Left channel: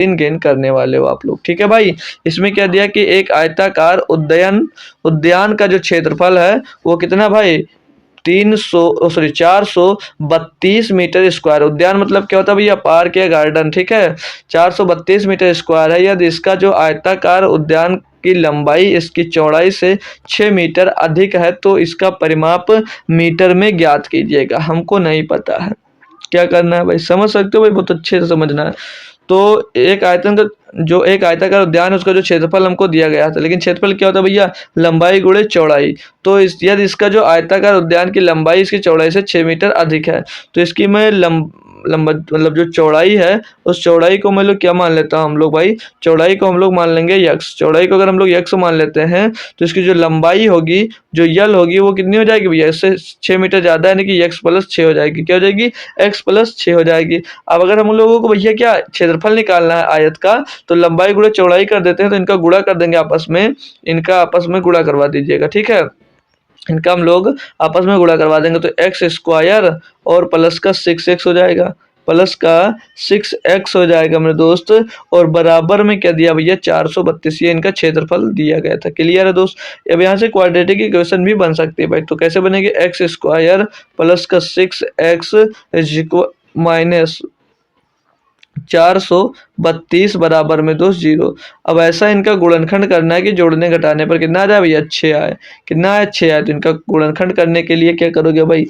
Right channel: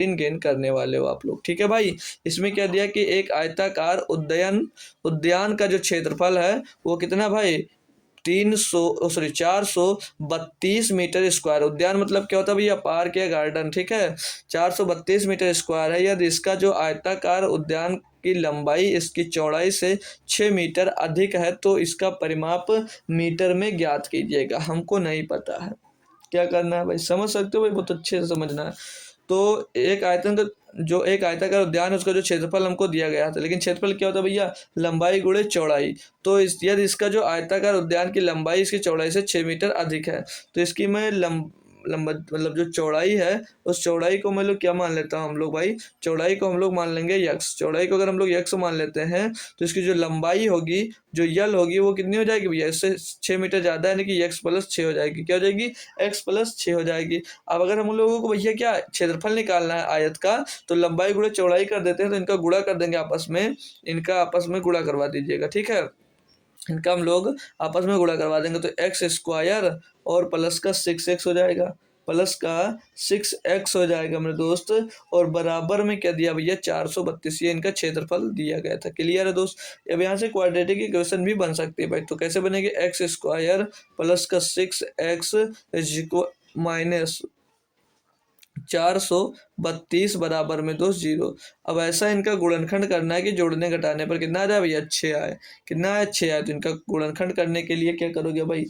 Gain करने वाले हो आप लोग। ठीक है भाई, इसमें क्या दिया कि एक आयताकार उद्यान का जो क्षेत्रफल है वो कितना भाई 432 मीटर स्क्वायर। उद्यान मतलब क्या होता है भैया, पार्क या गार्डन। ठीक है, 432 मीटर स्क्वायर है। यदि इसका जो आयताकार उद्यान की लंबाई इसकी चौड़ाई से 6 मीटर अधिक है तो इसका परिमाप मीटर में ज्ञात कीजिएगा। हमको नहीं पता है, क्या करना है भाई, समझ सकते हो भाई, बहुत अच्छे से समझना है। तो एक आयताकार उद्यान है, उसका जो क्षेत्रफल हमको दिया गया था, लेकिन क्षेत्रफल क्या होता है भैया, लंबाई गुणे चौड़ाई। तो यदि इसका जो आयताकार उद्यान की लंबाई इसकी चौड़ाई से 6 मीटर अधिक है तो इसकी मैं लंबा मतलब जो चौड़ाई है उस चौड़ाई को मैं लोग क्या मान लेता हूँ हम लोग भाई, चौड़ाई को हम लोग मान लेंगे यक्स। चौड़ाई को अगर हम लोग यक्स मान लेते हैं तो इसकी जो लंबाई होगी, जो यल होगी, वो कितनी हो जाएगी भैया, इससे 6 मीटर ज़्यादा, यानी कि यक्स प्लस 6 हो जाएगी। क्या हो जाएगी, एक्स प्लस 6 हो जाएगी। अब अगर हम लोगों को भैया क्या क्षेत्रफल निकालना है आयत का, तो लंबाई गुणा चौड़ाई कर देते हैं, तो इनका गुणा कर देंगे आपस में, इनका आपस में गुणा करवा दीजिएगा। ठीक है, इनका हम लोग आपस में गुणा करवा देंगे, तो एक्स स्क्वायर और प्लस का 6x हो जाएगा, प्लस का 6x हो जाएगा मेरे दोस्त। और बराबर में क्या दिया भैया, 432, ये इनका क्षेत्रफल दिया गया था। क्लियर है दोस्त। अब यहाँ से क्वाड्रेटिक इक्वेशन भी बन सकती है भाई, तो कैसे बनेगी, एक्स स्क्वायर प्लस का 6x माइनस 432 बराबर में दोस्त 0। अब ऐसा इनका गुणनखंड करना है कि जोड़ने घटाने पर कितना आ जाए भैया, 6 आए। कितना आए, 6 आए। तो इनका गुणनखंड करने के लिए क्या करोगे भाई,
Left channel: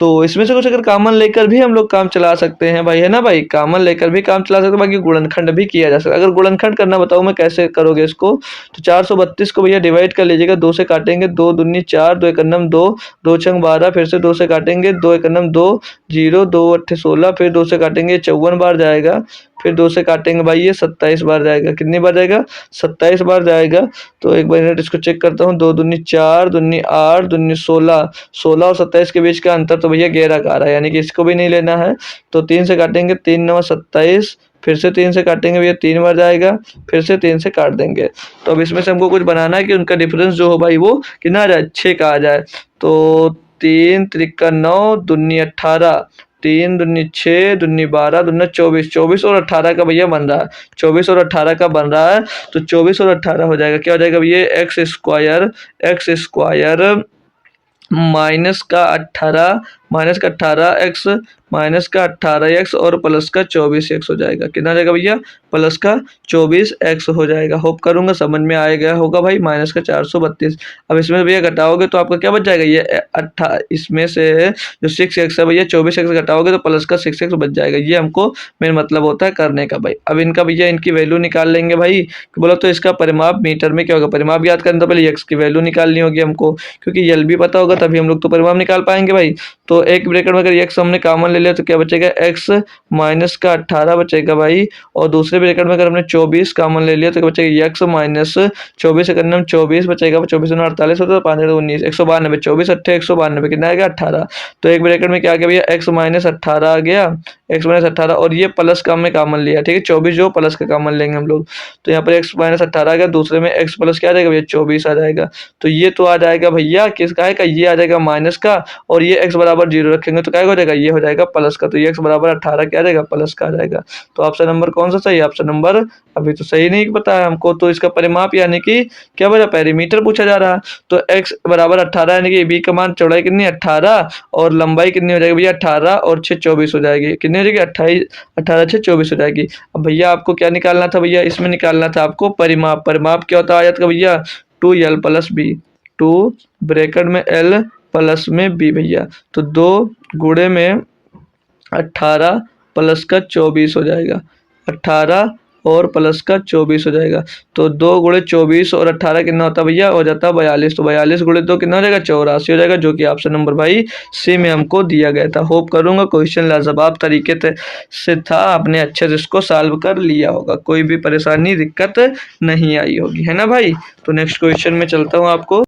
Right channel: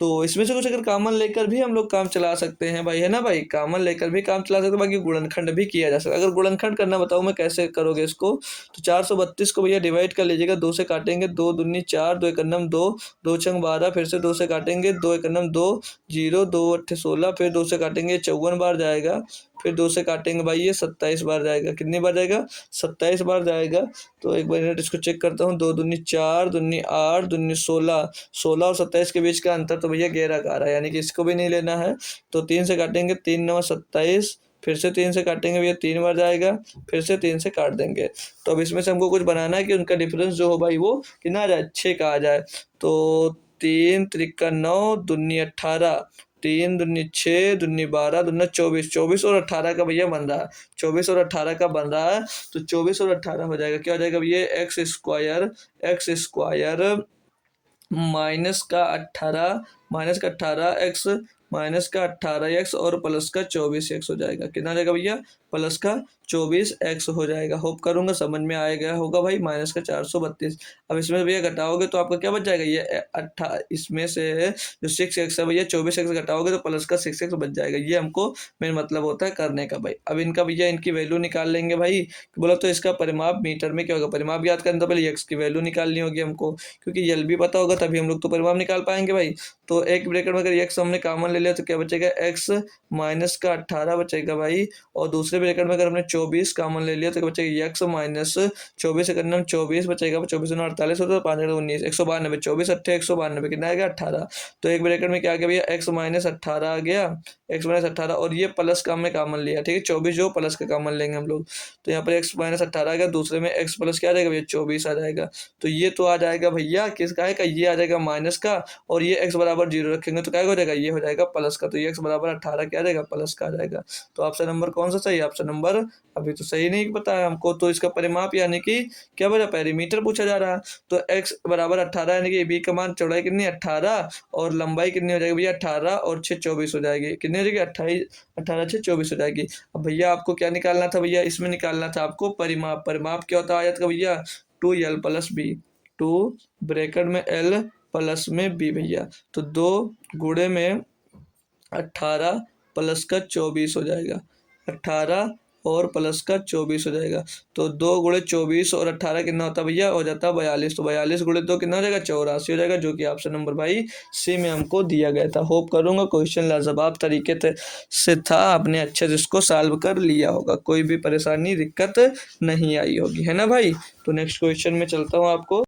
तो इसमें से कुछ अगर कॉमन लेकर भी हम लोग काम चला सकते हैं भाई, है ना भाई, कॉमन लेकर भी काम चला सकते हैं, बाकी गुणनखंड भी किया जा सकता है। अगर गुणनखंड करना बताऊं मैं कैसे करोगे इसको, तो 432 को भैया डिवाइड कर लीजिएगा, 2 से काटेंगे, 2 दूनी 4, 2 एकन्नम 2, 2 छंग 12, फिर से 2 से काटेंगे, 2 एकन्नम 2, 0, 2 अट्ठे 16, फिर 2 से काटेंगे 54 बार जाएगा, फिर 2 से काटेंगे भाई ये 27 बार जाएगा। कितनी बार जाएगा, 27 बार जाएगा। तो एक बार मिनट इसको चेक करता हूँ, 2 दूनी 4, दूनी 8, दूनी 16, 16 और 27 के बीच का अंतर तो भैया 11 का आ रहा है, यानी कि इसको भी नहीं लेना है। तो 3 से काटेंगे, 3 9 27, फिर से 3 से काटेंगे भैया, 3 बार जाएगा, फिर से 3 से काट देंगे। तो अब इसमें से हमको कुछ बनाना है कि उनका डिफरेंस जो हो भाई वो कितना आ जाए, 6 का आ जाए। तो 3 त्रिका 9, दूनी 18, 3 दूनी 6, दूनी 12, दूना 24, 24 और 18 का भैया बन रहा है, 24 और 18 का बन रहा है। तो 24 और 18 हो जाएगा, क्या हो जाएगा भैया, एक्स स्क्वायर माइनस का 18 एक्स माइनस का 18x और प्लस का 24x हो जाएगा। कितना जाएगा भैया, प्लस का 24x हो जाएगा। होप करूंगा समझ में आ गया होगा भाई, माइनस का 432। अब इसमें भैया घटाओगे तो आपका क्या बच जाएगा, ये इसमें से जो 6x है भैया, 24x घटाओगे तो प्लस का 6x बच जाएगा। ये हमको मेन मतलब होता है करने का भाई। अब इनका भैया इनकी वैल्यू निकाल लेंगे भाई, बोलो तो इसका परिमाप मीटर में क्या होगा, परिमाप याद करने तो पहले x की वैल्यू निकालनी होगी हमको, क्योंकि यल भी पता होगा तभी हम लोग तो परिमाप निकाल पाएंगे भाई। तो एक ब्रैकेट में अगर x हमने कॉमन ले लिया तो क्या बचेगा, x माइनस का 18 बचेगा भाई, और दूसरे ब्रैकेट में अगर हमने 24 कॉमन ले लिया तो क्या बचेगा, x माइनस 24 सेकंड में 24 बचेगा, 24 48 होता है, 5 19 192, 24 अट्ठे 192, कितना आएगा 18। तो एक ब्रैकेट में क्या आ गया भैया, x माइनस 18 आ गया, x माइनस 18, और ये प्लस का हमने कॉमन लिया, ठीक है, 24 जो प्लस का कॉमन लेंगे हम लोग, तो यहाँ पर x माइनस 18 आ गया, दूसरे में x प्लस क्या आ जाएगा भैया, 24 आ जाएगा। तो ये तो आ जाएगा भैया किसका है, ये आ जाएगा माइनस का, और ये x बराबर 0 रखेंगे तो क्या हो जाएगा, ये हो जाएगा प्लस का। तो ये x बराबर 18 क्या आ जाएगा, प्लस का आ जाएगा। तो ऑप्शन नंबर कौन सा सही है, ऑप्शन नंबर अभी तो सही नहीं पता है हमको। तो इसका परिमाप यानी कि क्या बचा, पेरीमीटर पूछा जा रहा है। तो x बराबर 18 यानी कि b का मान, चौड़ाई कितनी 18 और लंबाई कितनी हो जाएगी भैया, 18 और 6 24 हो जाएगी। कितनी हो जाएगी, 18 6 24 हो जाएगी। अब भैया आपको क्या निकालना था भैया, इसमें निकालना था आपको परिमाप। परिमाप क्या होता है आयत का भैया, 2l प्लस बी, 2 ब्रैकेट में l प्लस में b भैया, तो 2 गुणे में 18 प्लस का 24 हो जाएगा, 18 और प्लस का 24 हो जाएगा। तो 2 गुणे 24 और 18 कितना होता है भैया, हो जाता है 42। तो 42 गुणे 2 कितना हो जाएगा, 84 हो जाएगा, जो कि ऑप्शन नंबर भाई सी में हमको दिया गया था। होप करूंगा क्वेश्चन लाजवाब तरीके से था, आपने अच्छे से इसको सॉल्व कर लिया होगा, कोई भी परेशानी दिक्कत नहीं आई होगी, है ना भाई। तो नेक्स्ट क्वेश्चन में चलता हूँ आपको